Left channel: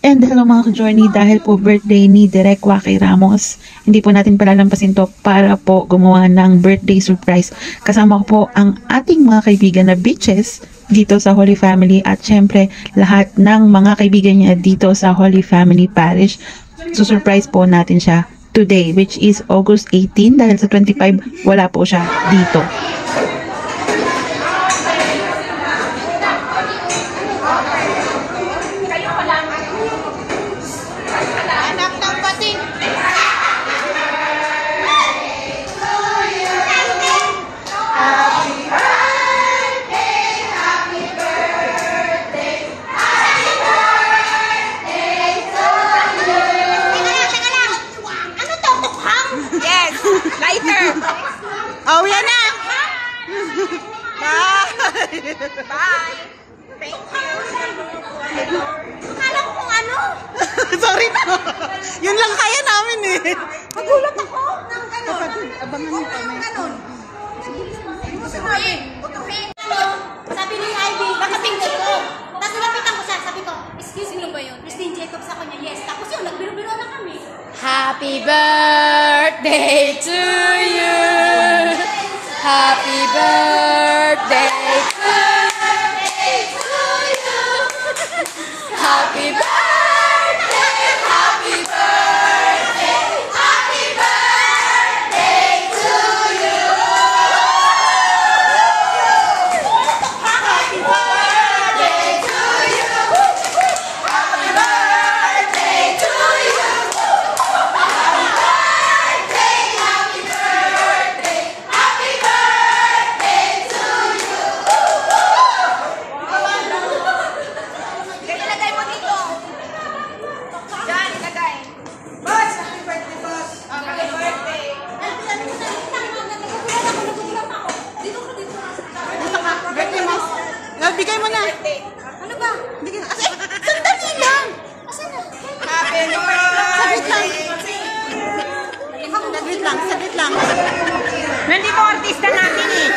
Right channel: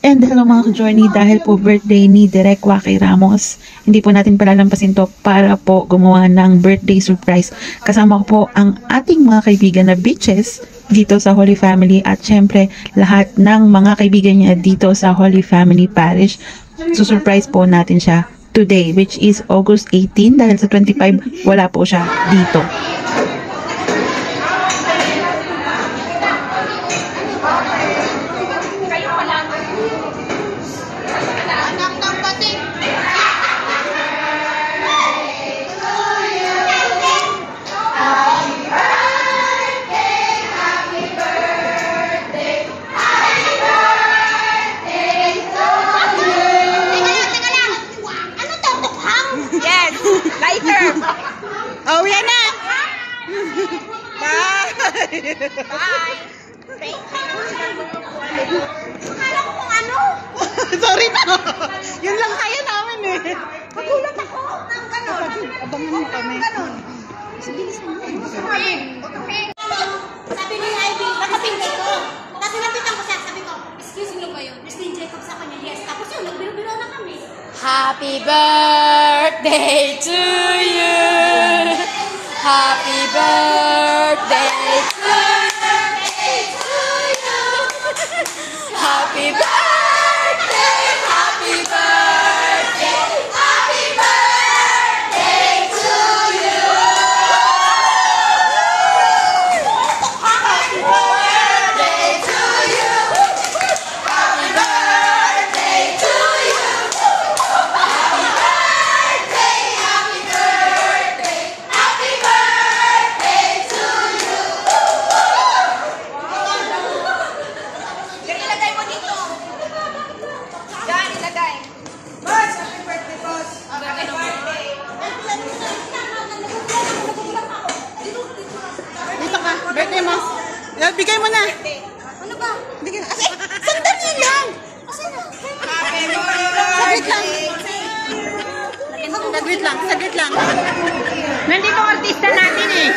And hello mga ka-journey, dahil po birthday ni Direk Waki Ramos, hindi po natin palalampasin to para po gumawa ng birthday surprise. Kasama ko po ang ating mga kaibigan na bitches dito sa Holy Family at syempre lahat ng mga kaibigan niya dito sa Holy Family Parish. Surprise po natin siya today, which is August 18, dahil sa 25 wala po siya dito. Oh, yan na! Bye! Bye! Thank you! Akala ko kung ano? Sorry na! Yun lang kaya namin eh! Nagulat ako ng gano'n! Abangan mo kami. Sabi ni Ivy, bakating Jacob. Tapos napitan ko siya, sabi ko, excuse me ba yun? Christine Jacob sa kanya, yes. Tapos yun, nagbiro-biro na kami. Happy birthday to you! Happy birthday to you! Happy birthday! Happy birthday! Happy birthday to you! Happy birthday to you! Happy birthday to you! Happy birthday! Happy birthday! Happy birthday to you! Ilagay mo dito. Diyan, ilagay. Boss, happy birthday, boss. Happy birthday. Dito ka. Dito ka. Birthday mo. Bigay mo na. Ano ba? Bigay. Sandali lang. Asan na? Happy birthday. Saglit lang. Nandito artista natin eh.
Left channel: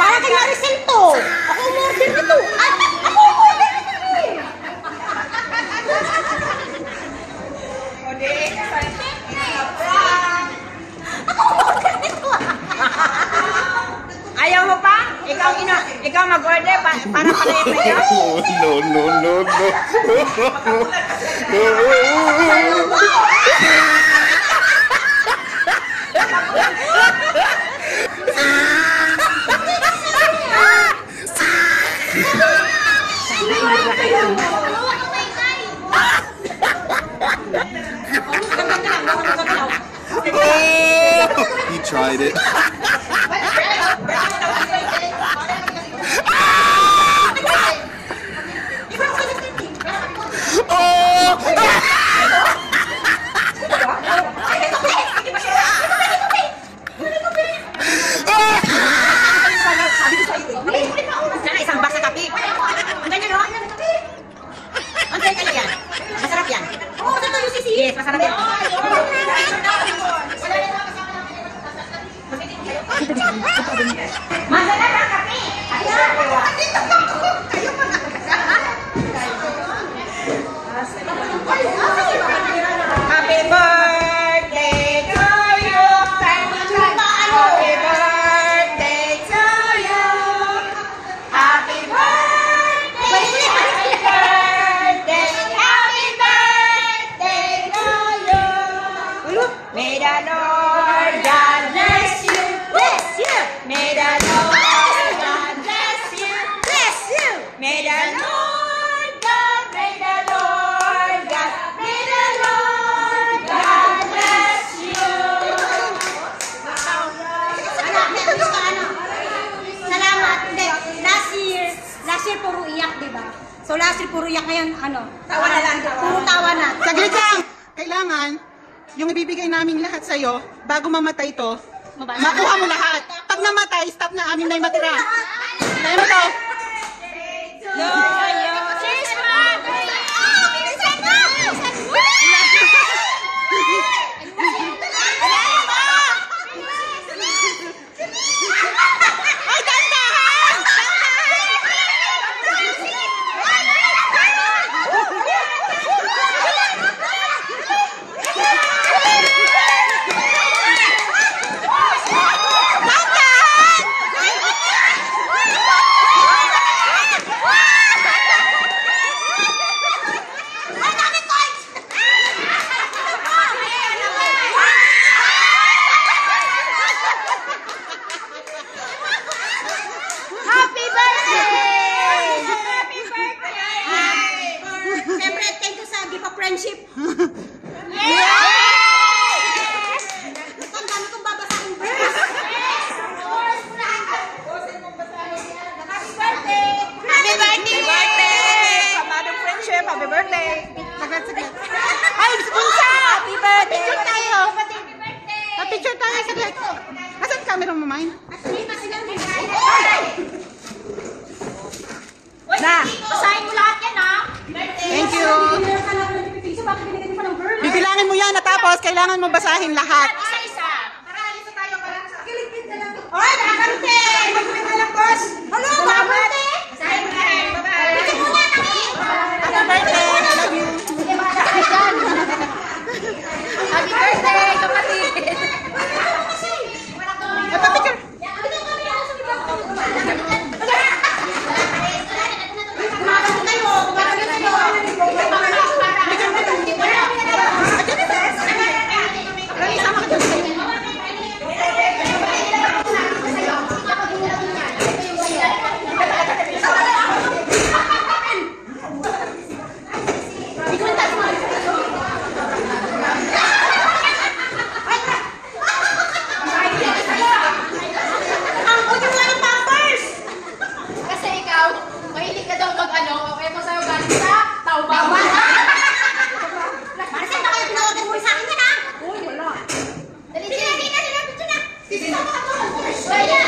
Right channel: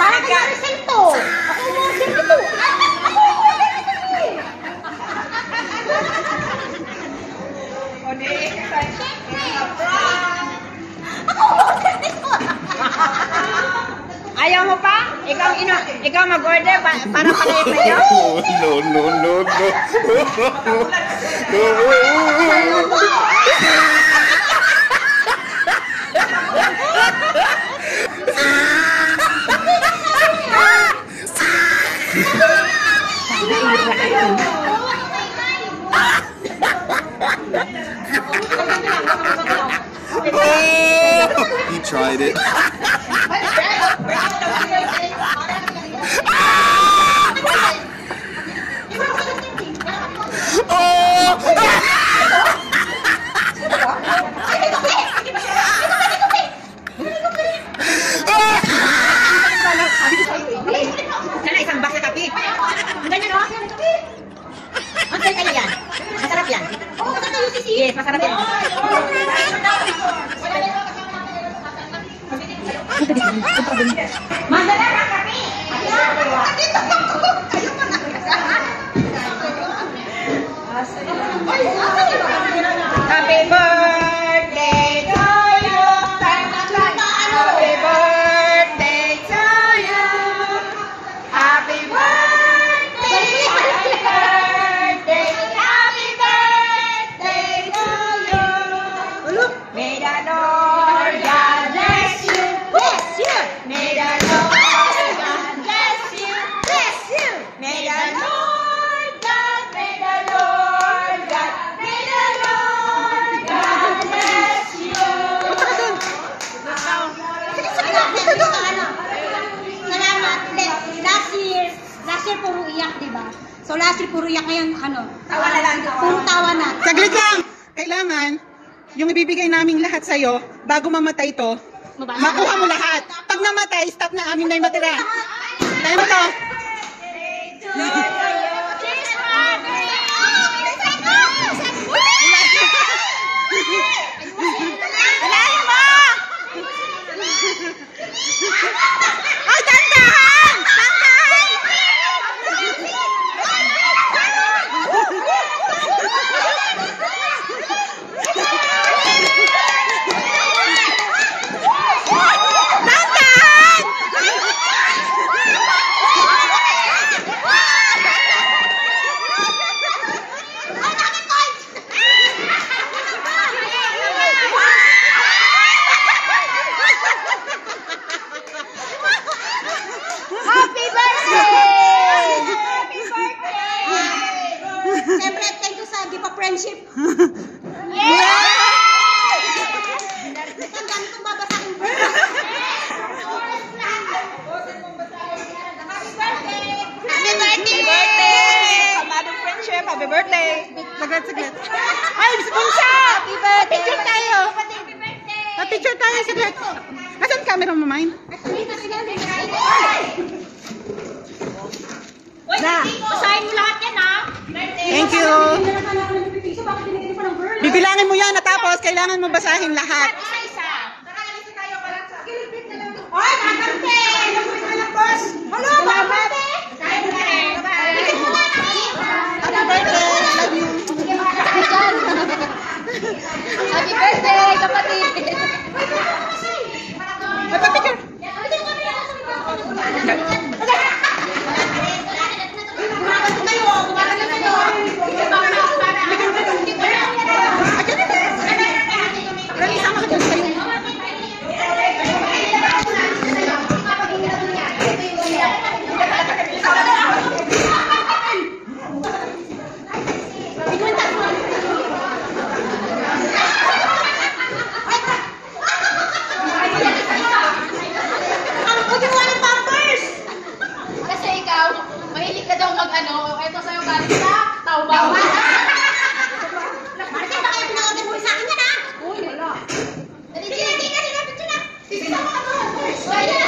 Para kay Maricel to. Ako yung Maricel to. Ayaw mo pa? Ikaw mag-order para No. He tried it. isang box sa kape. Ganyan o? Ang kaya yan? Masarap yan. Yes, masarap yan. Masarap ang kape. Happy birthday to you. Happy birthday to you. Happy birthday. Happy birthday. Happy birthday to you. May the Lord God bless you. Bless you. May the Lord God bless you. Bless you. May the Lord God, may the Lord God, may the Lord God bless you. Salamat. Last year puro iyak, diba? So last year puro iyak, ngayon ano? Tawa na lang. Puro tawa na. Saglit lang. Kailangan, yung ibibigay namin lahat sa'yo, bago mamatay to, makuha mo lahat. Pag namatay, stop na amin na yung matira. Tayo mo to. Ay, saglit. Asan camera mo, mine? Na. Basahin mo lahat yan, ha? Thank you. Bibilangin mo yan natapos, kailangan mo basahin lahat. Isa-isa. Oy, kakarte! Magpapit ka lang, boss! Hello, salamat! Basahin mo na. Bye-bye. Happy birthday! I love you! Sige, mahala ka dyan. Happy birthday, kapatid. Ay, papicture! Kasi ikaw, mahilig ka daw mag-ano, eto sa'yo galing sa Taobao. Kasi baka yung pinagagan mo sa akin yan, ha? Uy, wala. Dali, sila, sila. Wala.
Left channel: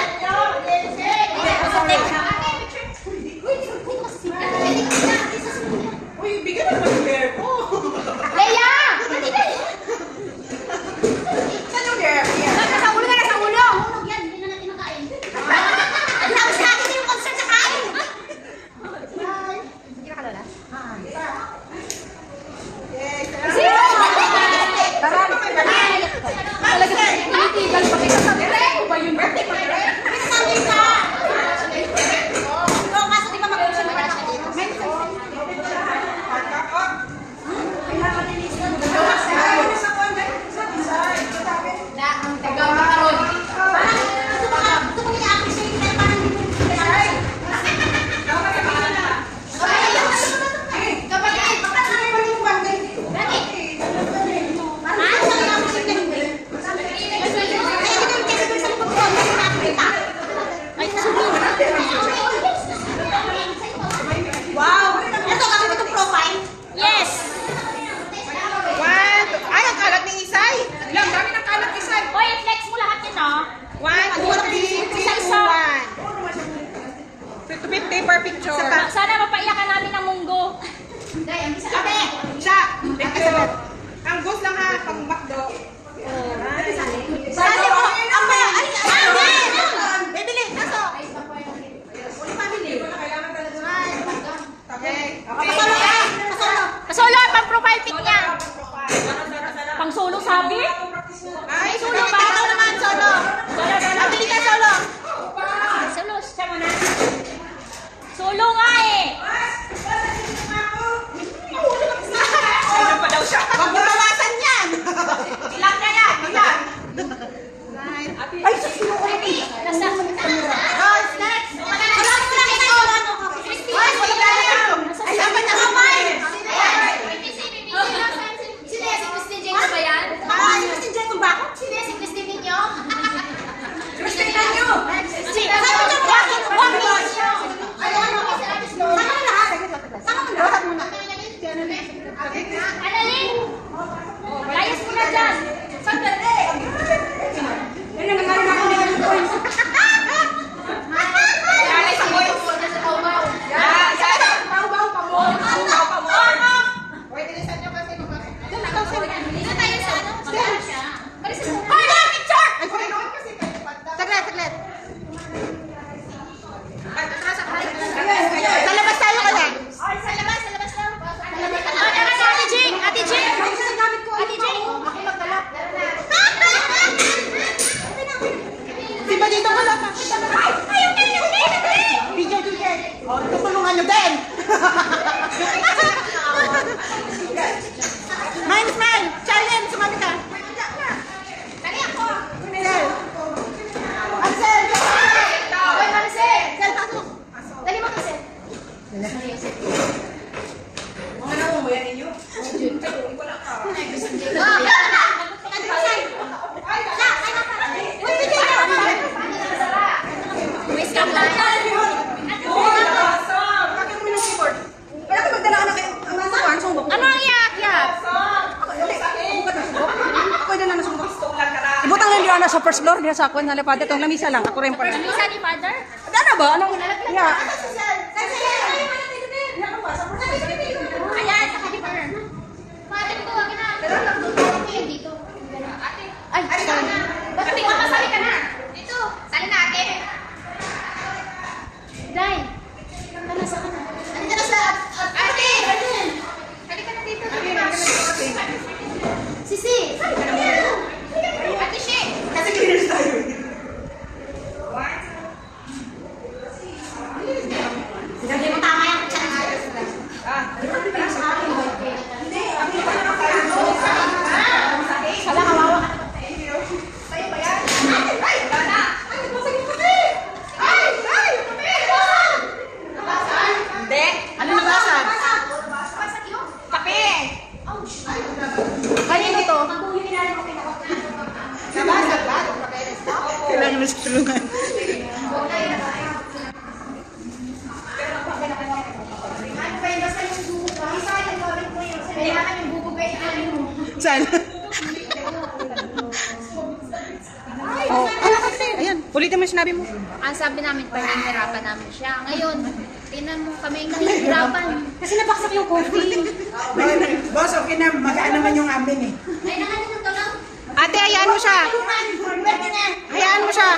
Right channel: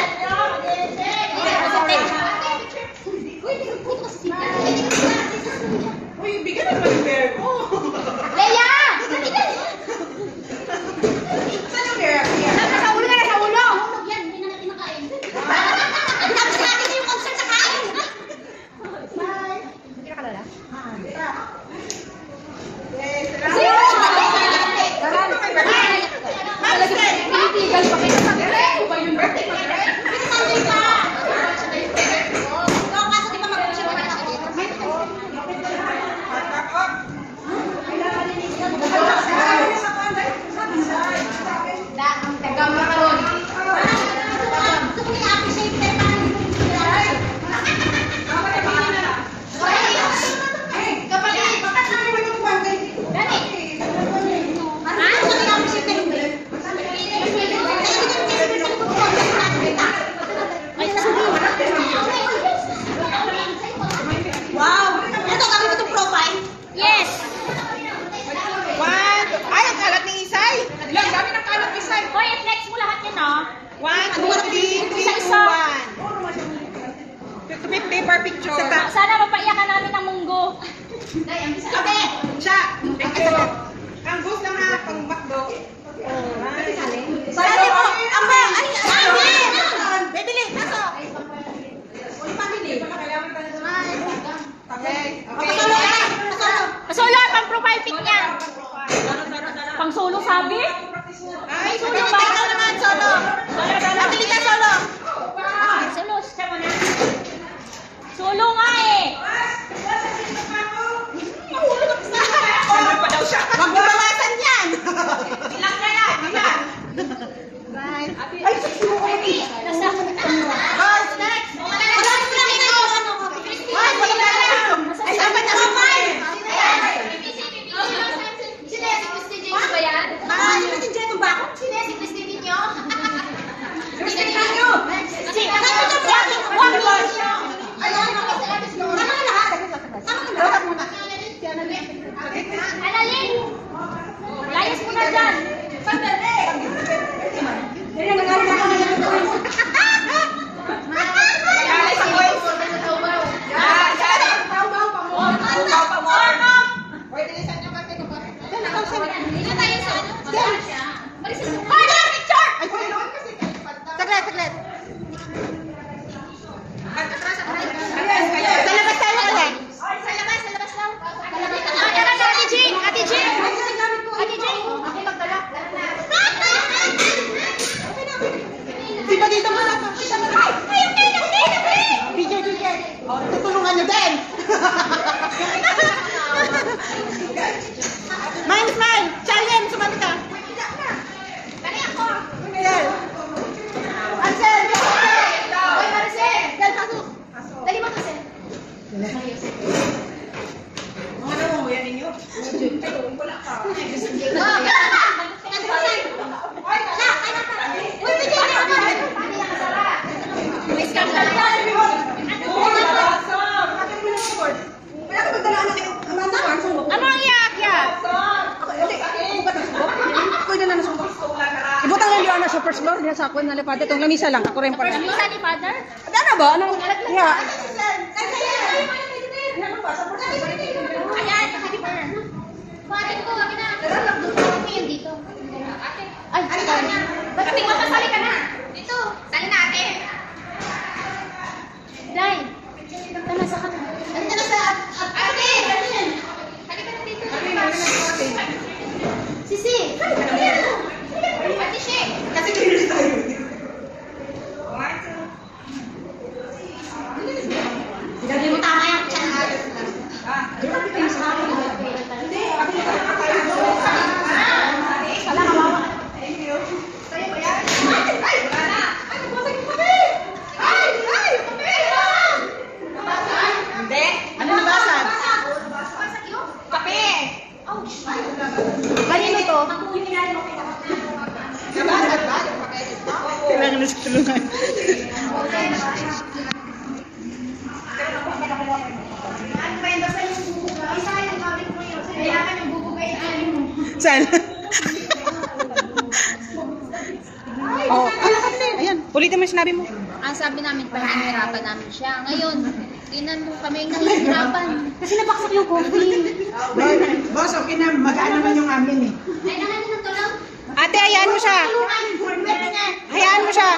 Uy, bigyan na ba yung bear ko? Leia! Saan yung bear? Nasa ulo na, nasa ulo! Yan, hindi na natin nakain. Tapos sa akin yung concert sa kain. Kira ka, Lola? Talaga, tinitigal pa kita sa birthday ba yun? Birthday pa rin? Kaso di ba mag-concert pa ako? Gagakaroon. Wow! Ito, kami itong profile. Yes! One. Ay, ang kalat ni Isay. Ilang, dami ng kalat ni Isay. Hoy, i-flex mo lahat yun, no? 1, 2, 3, 2, 1. 50 per picture. Sana mapaiyakan namin ng munggo. Abe! Siya! Ang goose lang ha, pang bakdo. Sali mo! Amba! Ay! Bibili! Kaso! Uli pamili. Kailangan talaga na. Okay. Pasolo ka! Pasolo! Pasolo, pang profile pic niya. Pang solo, sabi? Ay, solo ba? Ikaw naman, solo! Solo, solo. Pabili ka, solo! Solo, siya mo na. Solo nga eh. Ano pa daw siya? Huwag mo bawasan yan! Ilang na lang, ilang. Ay, sino ko ni? Nasa. Guys, next! Wala mo na kita yung ano ko. Ay, wala mo na lang! Ay, dapat na kamay! Sino si Christine James ba yan? Ay, kasi dyan mo ba ako? Sino si Christine Ninyo? Christine Ninyo! Si, wag ninyo. Ay, ano ako? Sama na lahat. Sama na lahat muna. Analin. Layas mo na dyan. Sandali! Yan ang nangyari na ako nila dito. Nanay sa boy. Uy, bilisan nyo kasi kung bakit. Dito tayo sa ano? Magkano siya? Hoy, picture! Ay, saglit, saglit. Sa labas tayo kaya. Sa labas lang. Ate Jing! Ate Jing! Ate Jing! Ako magdala. na sa first floor, diha sa ako na lipad. Itong lamisa lang, ako rin pa rin. Lamisa ni Father? Ano ba? Anong, yeah. Ayan, sa kaliper. Father ko, akin na. Ano yun dito? Ate. Ay, sorry. Ba't may makasali ka na? Dito, sali na ate. Day. Nasa ka na. Andito na sa ate. Halika na dito. Sisi. Ate She. Kasi kinis tayo. Sige mo tama yung chan. Grabe pa yung sa akin. Hindi. Wala na mawa. Kaya ba yan? Ay! Wala! Ay! Nagpasag yung kape! Ay! Ay! Kape! Nabasag? Hindi. Ano nabasag? Nabasag yun? Kape! Kanino to? Nabasag ba? Kailangan na sa tulungan. Saan? Oh, ayan. Ulitin mo yung sinabi mo. Ang sabi namin, panghihirapan namin siya. Ngayon, tinan mo kami nahihirapan. Kasi nabaksak yung coffee. Boss, okay na. Magaan naman yung amin eh. Ay, nahanan ng tulong. Ate, hayaan mo siya. Hayaan mo siya.